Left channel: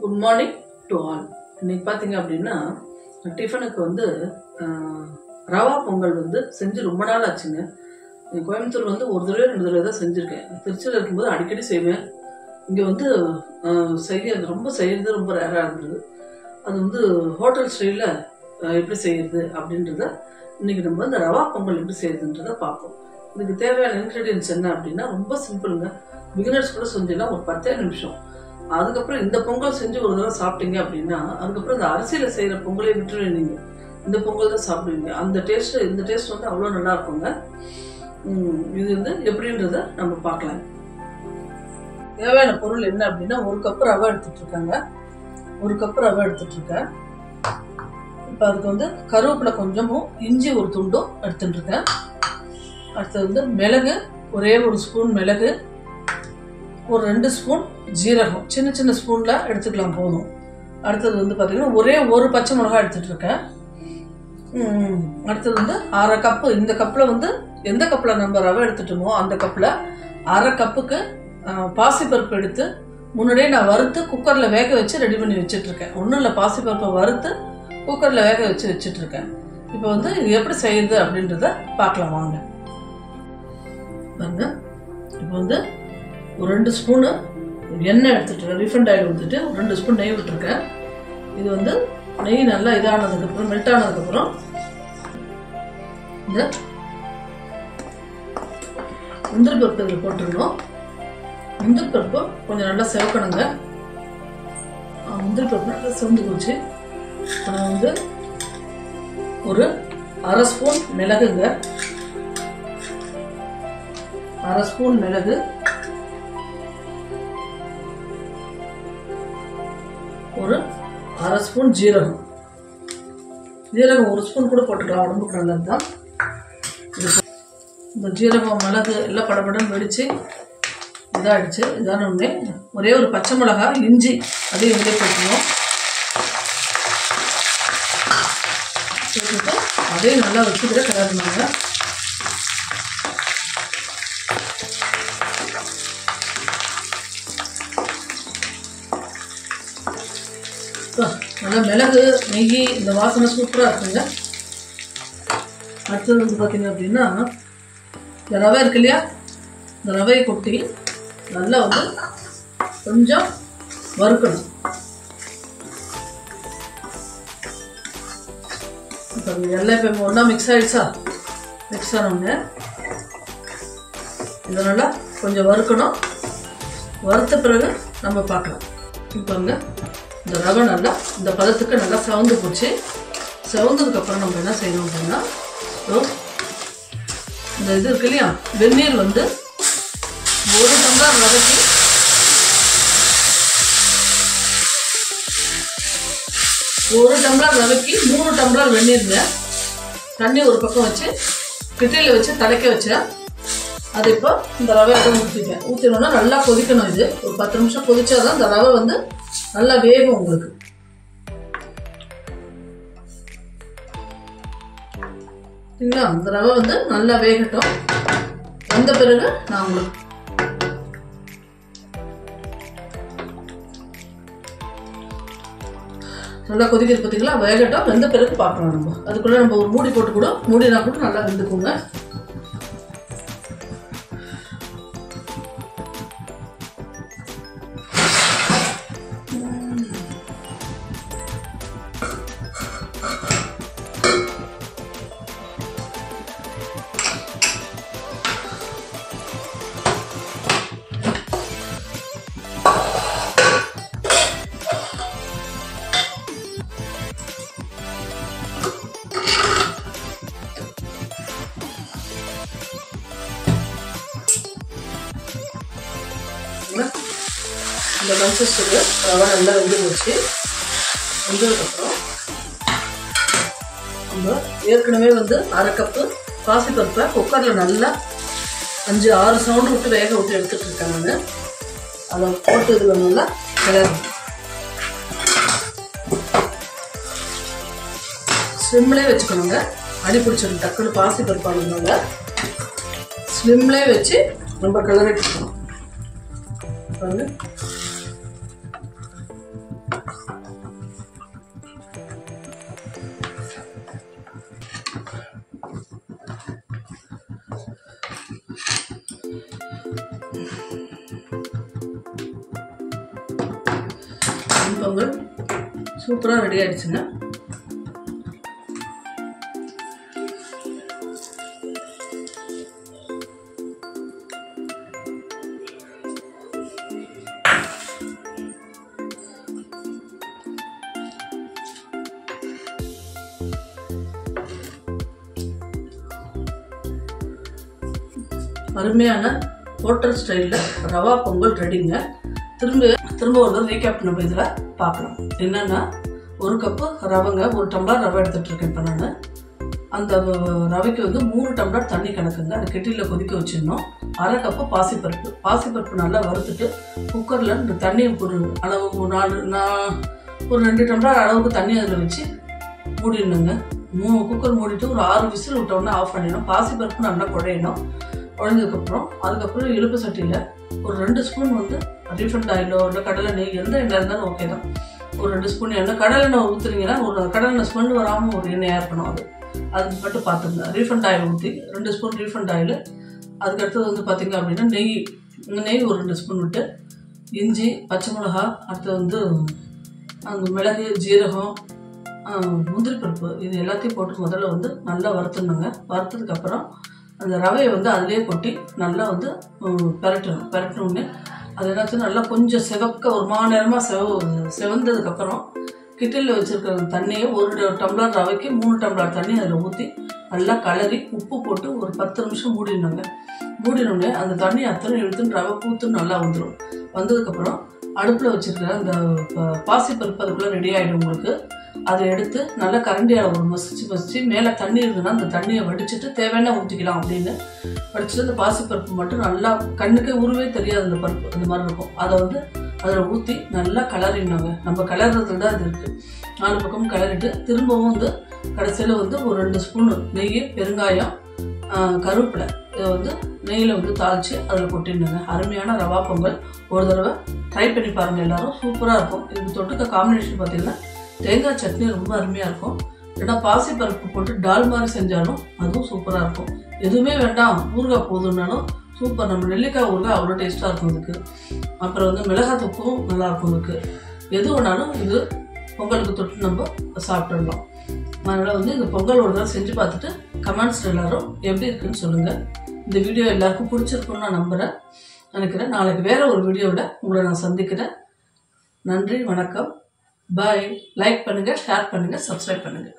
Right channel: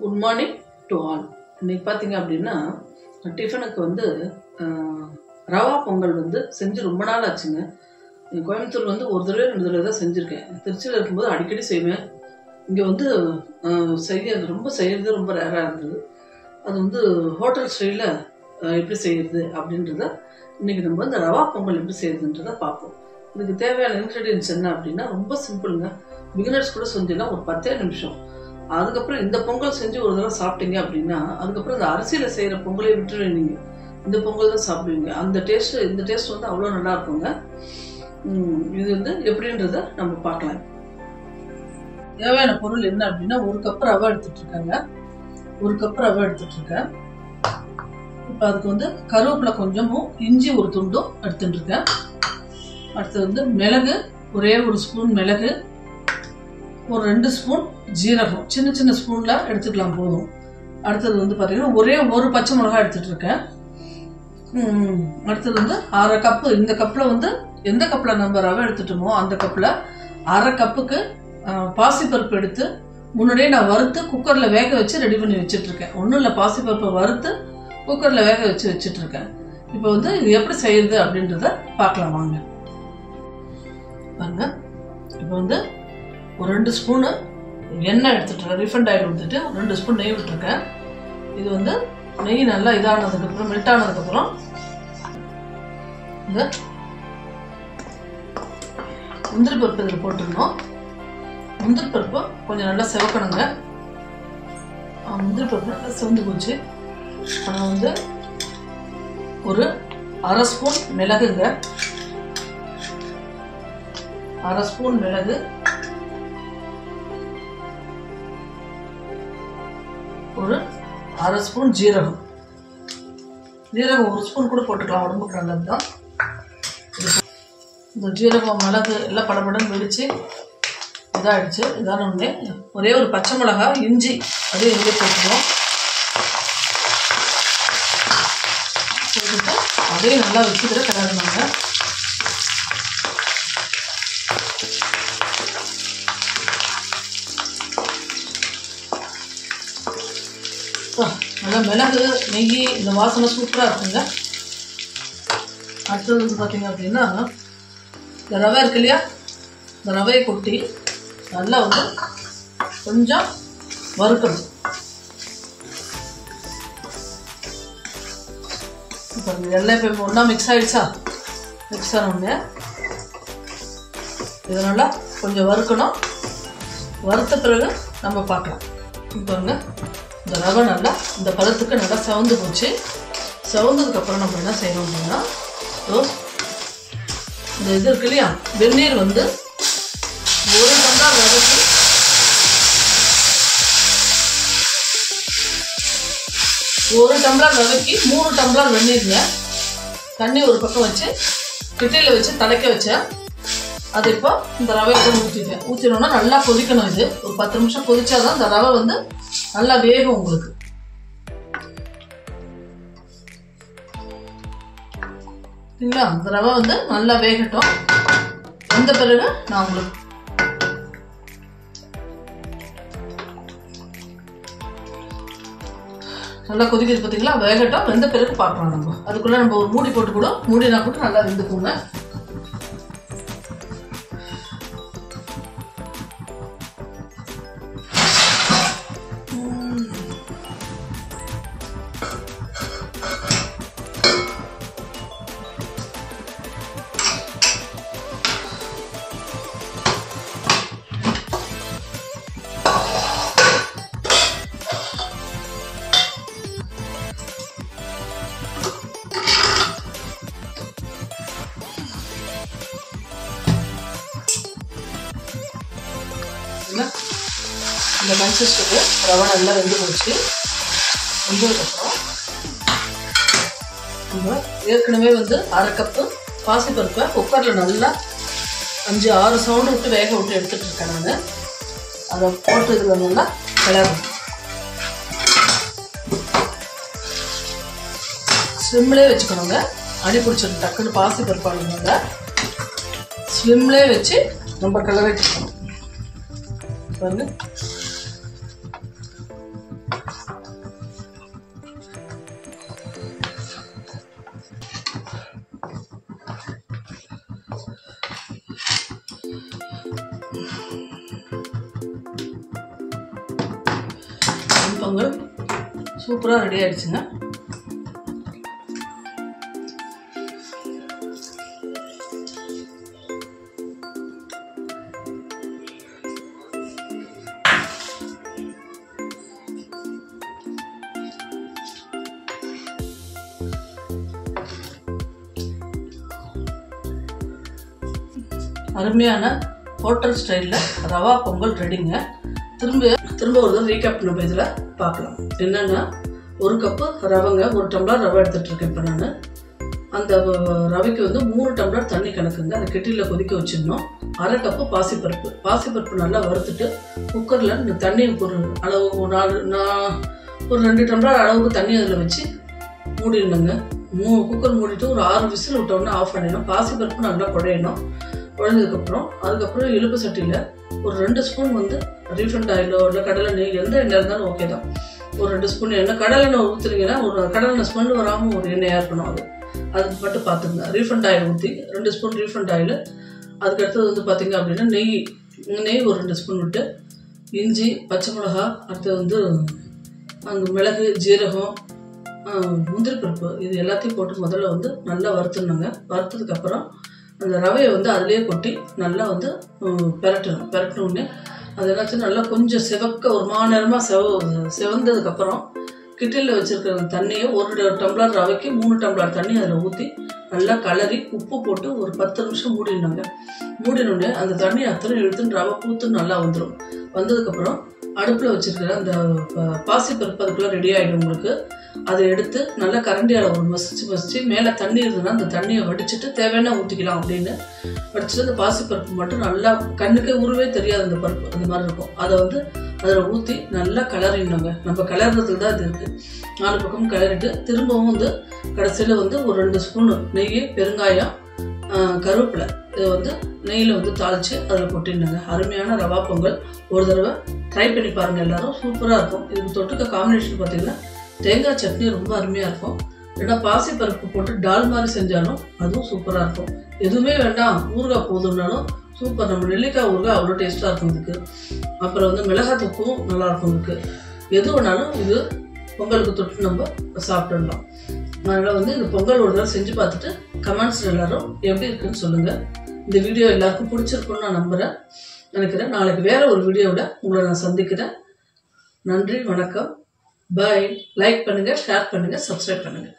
Good morning to all. இன்னைக்கு பார்த்தீங்க அப்படின்னா டிஃபனுக்கு வந்து ரவா பொங்கல் வந்து செஞ்சு ரொம்ப நாள் ஆச்சுங்க. கோயம்புத்தூர் வந்து ஒரு தடவை 2 தடவை தான் செஞ்சுருக்கேன். திருச்சியில் இருக்கும்போது அடிக்கடி செய்வேன். இங்கே வந்து செய்கிறது ரொம்ப ரேராக இருந்தது. அது வந்து ஹோட்டல் ஸ்டைலில் எப்படி செய்கிறது அப்படின்றத இன்றைக்கி நம்ம இந்த ரவா பொங்கல் எப்படி செய்யறதுன்றதை பார்ப்போம். இதுக்கு தேவையான இன்க்ரீடியன்ஸ் என்ன அப்படின்னா ரொம்ப சிம்பிளுங்க. பிகினர்ஸ் கூட செஞ்சிடலாம், ஒரு 10 நிமிஷம். அதுக்கப்புறம் இந்த பொங்கல் செஞ்சு ஒரு தடவை சாப்பிட்டீங்க அப்படின்னா அதுக்கப்புறம் இந்த அரிசியில் செய்கிற பொங்கலை விட்டுருவீங்க. நீங்கள் இந்த பொங்கல் தான் சாப்பிடுவீங்க. இந்த டேஸ்ட் வந்து அவ்வளோ நல்லா இருக்குங்க. இது வந்து எப்படின்றத நம்ம பார்க்கலாம். தேவையான பொருள் என்ன அப்படின்னா 1 கப் ரவை எடுத்துட்டு இருக்காங்க. 1 கப் ரவை எடுத்துட்டு இருக்கேன். இப்போ அதுக்கு வந்து கருவேப்பிலை கொஞ்சமும் இஞ்சி ஒரு துண்டும் எடுத்துட்டு இருக்கேன். அடுத்தது வந்து மிளகு, ஒரே 1 ஸ்பூன் மிளகு, ஒரு 2 ஸ்பூன் ஜீரகம், சின்ன சின்ன ஸ்பூன்ல எடுத்துக்கலாம் போதும். அடுத்தது வந்து பார்த்தீங்கன்னா ஒரே 1 பச்சை மிளகாய் எடுத்துட்டு இருக்கேன். அடுத்தது வந்து 1/2 கப்பு. இந்த கப்பில் வந்து எந்த கப்பில் நம்ம ரவை எடுத்துட்டோமோ அந்த கப்பில் 1/2 கப்புக்கு பாசிப்பருப்பு எடுத்து முன்னாடியே நான் வறுத்து குக்கரில் வேக வச்சு ரெடி பண்ணி வச்சுட்ருக்கேன். ஒன்றும் இல்லை, பாசிப்பருப்பை வறுத்து குக்கரில் வேக வச்சு வச்சுட்ருக்கேன். இப்போ வந்து இது எப்படி செய்யுது அப்படின்றத பார்க்கலாம் வாங்க. பாருங்க, இப்போ வந்து ஒரு 2 ஸ்பூனு எண்ணெய் எடுத்துட்டுருக்கேன். ரீஃபண்ட் ஆயில் ஊற்றிட்டு 2 ஸ்பூன் நெய் விட்டுருக்கேன். இது வந்து நெய் நல்லா இதானதுக்கப்புறம் மெல்ட் ஆனதுக்கப்புறம் இந்த முந்திரி பருப்பு இதில் போட்டுருணும். முந்திரி பருப்பு கொஞ்சம் நல்லா செவக்கணுங்க. முந்திரி பருப்பு நல்லா செவந்து போச்சு. நான் வந்து ஒரு 1/2 ஸ்பூன் மிளகுங்க, 1/2 ஸ்பூன் மிளகு, ஒரு 1/2 ஸ்பூன் ஜீரகம். 1 ஸ்பூன் கூட போட்டுக்கலாம், உடம்புக்கு நல்லது தான். இந்த ஜீரகம் மிளகு எல்லாம் படப்படன்னு வெடிச்சு இதாகிடுச்சு. இதான ஒன்று ஒரே ஒரு பச்சை மிளகாய், இஞ்சி அதையும் இங்கே போட்டுக்கணும். போட்டுட்டு அதையும் நல்லா வச்சுக்கிற கிளறினாங்க. நல்லா மிளகு நெய் இந்த வாசனை சூப்பராக இருக்குங்க. அடுத்தது வந்து பார்த்தீங்க அப்படின்னா இந்த ரவை இருக்கு இல்லையா, இந்த ரவையை கொட்டி நல்லா வந்து கொஞ்சம் வறுக்கணும். இப்போ எல்லாம் இப்போ ஒன்றா மிக்ஸ் ஆகிடுச்சா? மிக்ஸ் ஆனோடனே இதை நல்லா கொஞ்சம் வறுக்கணும். வறுத்த பிறகு நம்ம பார்க்கலாம். இப்போங்க இந்த ரவை நல்லா இந்த பதத்துக்கு நல்லா செவந்து போச்சு. செவந்ததுக்கப்புறம் நம்ம என்ன செய்யணும் அப்படின்னா இந்த இது இருக்கு இல்லையா, வெந்நீர் வந்து 1 டம்ளர் ரவைக்கு 3 டம்ளர் வெந்நீருங்க. தண்ணி ஒரு பக்கம் வச்சு கிட்டியில் வச்சு தடைக்க வச்சேன். அது இப்போ இந்த ரவையை ஊற்றிட்டேன். ஊற்றினோன்னா நல்லா கொதிக்கணும். இது ஒரு 10 நிமிஷம் கொதிச்சாதான் இந்த ரவை வந்து நல்லா வேகும் உங்களுக்கு. சரிங்களா? அந்த ரவை வந்து நல்லா வேகட்டும். வந்த பிறகு நான் உங்களுக்கு நல்லா கொதிக்கிறது பார்த்தீங்களா? வேகட்டும். வெந்த பிறகு பார்க்கலாம். நம்ம அதுக்குள்ள நம்ம ஒரு மூடி போட்டு கூட மூடினா கூட நல்லா வெந்துக்குங்க. இந்த கன்சிஸ்டன்சி ரவை நல்லா வெந்து போச்சு. வெந்ததுக்கப்புறம் நம்ம ஏற்கனவே வந்து 1/2 கப்பு பாசிப்பருப்பை குக்கரில் நல்லா 5-6 சவுண்டு விட்டு வேக விட்டு எடுத்துகிட்டு இருக்கேன் நான். அதை போட்டு இதில் நல்லா கிளறணும். ஸ்லிம்லே வச்சுக்கணுங்க. அடி பிடிச்சிடும் டக்குன்னு பாசிப்பருப்பு ஆடுனால ஸ்லிம்லே வச்சு நம்ம கிளறிட்டு இருக்கணும். பாருங்க பொங்கல் சூப்பராக ரெடி ஆயிடுச்சுங்க. அருமையான ஹோட்டல் ஸ்டைலில் ரவா பொங்கல் ரெடிங்க. திரும்ப ஒரு தடவை ரீகேப் நம்ம இதில் பார்க்கலாம். என்னென்னா, 1 கப்பு ரவைங்க, 1 டம்ளர் ரவை எடுத்துகிட்டு இருக்கேன் இப்போ நான். அந்த ரவைக்கு வந்து 3 டம்ளர் தண்ணி கணக்குங்க. அதை கெட்டியில் கொதிக்க வச்சிடணும். 1/2 கப்பு பாசிப்பருப்பு நல்லா வறுத்துட்டு குக்கரில் இந்த தண்ணி ஒரு அளவு ஒரு 2 டம்ளர் அளவுக்கு தண்ணி அதில் வச்சு மூடிடணுங்க. குக்கர் மூடிட்டு ஒரு 6 விசில் விட்டோம்னா ஆஃப் பண்ணிடணும். பாசிப்பருப்பு நல்லா குழையணும். குழந்ததுக்கப்புறம் அதுக்கப்புறம் இழுப்பு சட்டியில் ஒரு 2 ஸ்பூன் வந்து ரீஃபண்ட் ஆயிலோ இல்லை கடலை நெய், எந்த எண்ணெய் இருந்தாலும் ஓகே தான். ஒரு 2 ஸ்பூன் எண்ணெய், கடலை எண்ணெய் ஊற்றுறீங்கன்னா ஒரு கடலை எண்ணெய் ஸ்மெல் வராமல் ஒரு எண்ணெயாக இருக்கணும். அது மட்டும் பார்த்துங்க. ரீஃபண்ட் ஆயில் ஊற்றி 2 ஸ்பூன் ரீஃபண்ட் ஆயில். அதுக்கடுத்தது வந்து பார்த்திங்க அப்படின்னா நெய் ஒரு 2 ஸ்பூன் விட்டு, இஞ்சி, பச்சை மிளகா, அடுத்தது வந்து அந்த மிளகு, ஜீரகம், முந்திரி பருப்பு, இது எல்லாத்தையும் போட்டு முதல்ல வந்து நல்லா வறுத்துடணுங்க. வறுத்ததுக்கப்புறம் அந்த ரவையை வந்து அதிலே கொட்டி நல்லா வந்து பெரட்டணுன்னே அது என்னாச்சும் நல்லா கொஞ்சம் செவக்க ஒரு நேரமாக செவந்ததுக்கப்புறம் கிட்டிலில் வச்சுருக்கிற அந்த தண்ணியை 1 டம்ளர் ரவைக்கு 3 டம்ளர் தண்ணி அதில் ஊற்றி நல்லா கலரி உப்பு போட்டு ஒரு 10 நிமிஷம் மூடிடணுங்க. மூடினோடனே அந்த தண்ணி அத்தனை இழுத்துன்னு ரவை பூத்துன்னு நல்லா வந்துடும். வந்ததுக்கப்புறம் அடுப்பில் வச்சுருக்கிற அந்த பாசிப்பருப்பு அதுக்குள்ளே ரெடி ஆகிடும் உங்களுக்கு. அதை எடுத்து நல்லா கரண்டியால் ஒரு மசிச்சு மேலே தண்ணி இருந்ததுன்னா அந்த தண்ணியை வடிச்சிட்டு தேவையான ஊற்றிக்கலாம். அப்படின்னு வடிச்சிட்டு அந்த பாசிப்பருப்பு மட்டும் நல்லா கண்ணுக்கே உருவே தெரியாது அந்த பருப்பு, அந்த மாதிரி இருக்கும். அதை வந்து அதில் ஊற்றி நல்லா கிளறிடணுங்க. நம்ம கிளறதுல தான் இது இருக்குது. 4 பக்கமும் கிளறிட்டு திரும்பவும் வந்து கடைசியில் வந்து ஒரு 2 ஸ்பூன் நெய், பெருங்காயம், கருவேப்பிலை இதை வந்து நெய்யில் வந்து தாளித்து அதில் கொட்டிடணுங்க. அருமையான ரவா பொங்கல் ஒரு தடவை ட்ரை பண்ணி பாருங்கள் எல்லோரும். சூப்பராக இருக்கும். இதுக்கு தொட்டுக்க காம்பினேஷன் பார்த்திங்கன்னா தேங்காய் சட்னி ரொம்ப அருமையாக இருக்கும். இல்லைன்னா பாசிப்பருப்பு போட்டு டால் மாதிரி செஞ்சாலும் அதுவும் சூப்பராக இருக்கும். எதுவுமே வேண்டாம் ஊறுகாய் போதும்னாலும் சூப்பர். நம்ம நெல்லிக்காய் ஊறுகாய் அவ்வளோ டேஸ்ட்டாக இருக்கும் இதுக்கு. அப்புறம் வந்து மிளகாய் தூக்கும் நல்லாயிருக்கும் இதுக்கு. எது வேணாலும் இது பொங்கலுக்கு தொட்டு நம்ம சாப்பிடலாம். அதனால் வந்து இந்த பொங்கல் ஒரு தடவை செஞ்சு பார்த்துட்டு கமெண்ட்ஸில் எல்லோரும் எப்படி இருக்குன்னு சொல்லுங்கள். இந்த வீடியோ எல்லாருக்கும் பிடிச்சிருக்குன்னு நான் நினைக்கிறேன். நாளைக்கு வேறு ஒரு வீடியோவில் உங்களை நான் சந்திக்கிறேன். நன்றி, வணக்கம், பாய். லைக் பண்ணுங்கள், ஷேர் பண்ணுங்கள், சப்ஸ்கிரைப் பண்ணுங்கள்.